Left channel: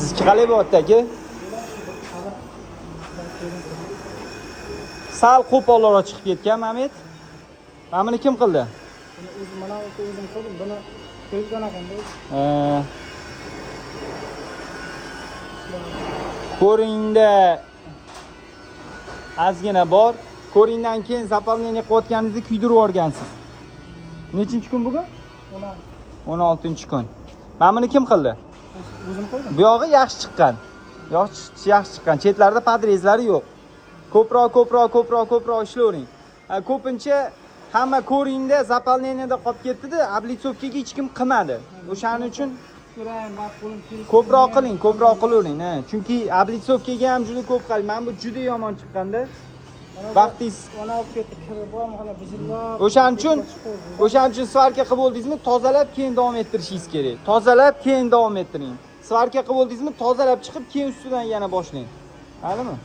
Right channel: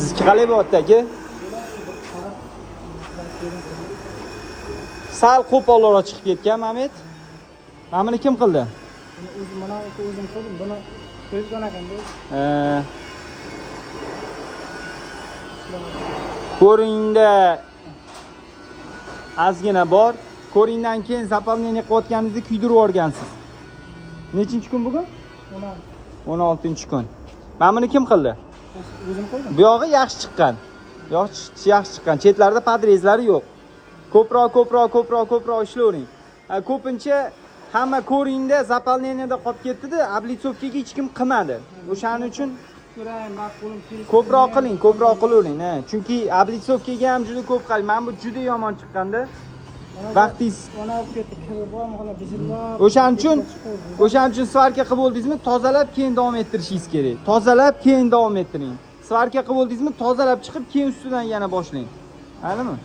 Sizniki qalay bo'lyapti aka? Sal qo'polroq chiqib ketgan Mamet. Mana buni kim qildi? Ko'ringda ozgina bor. Ko'ringdan keyin zapravleniya qilayotganingizni kuydirib yuborgansiz. Nechinchi kun bugun? 16-kun. Mana buni kim qildi? Bu yog'i yaxshi chiqqan. Yaxshi chiqqan. Chetlarida podrezlari yo'q. Ko'proq ishlavering. Ko'pincha hamma ko'ringda zapravleniyada qolib ketdi-da, oblitsovkaga hech kim qilmadi. O'shaning uchun ko'proq qilavering. Chunki oblitsovkaga ham juda ko'p qilgan. Mana bu juda yomon chiqqanda. Vaqtingiz o'shaning uchun svarka qilib bo'ldingizmi, tozalab keyin davom ettirishingiz kerak. Tozalab keyin davom ettiring. Svarka qilib bo'ldingizmi, tozalab chiqib keyin ustidan yana boshlang. Tushundingmi?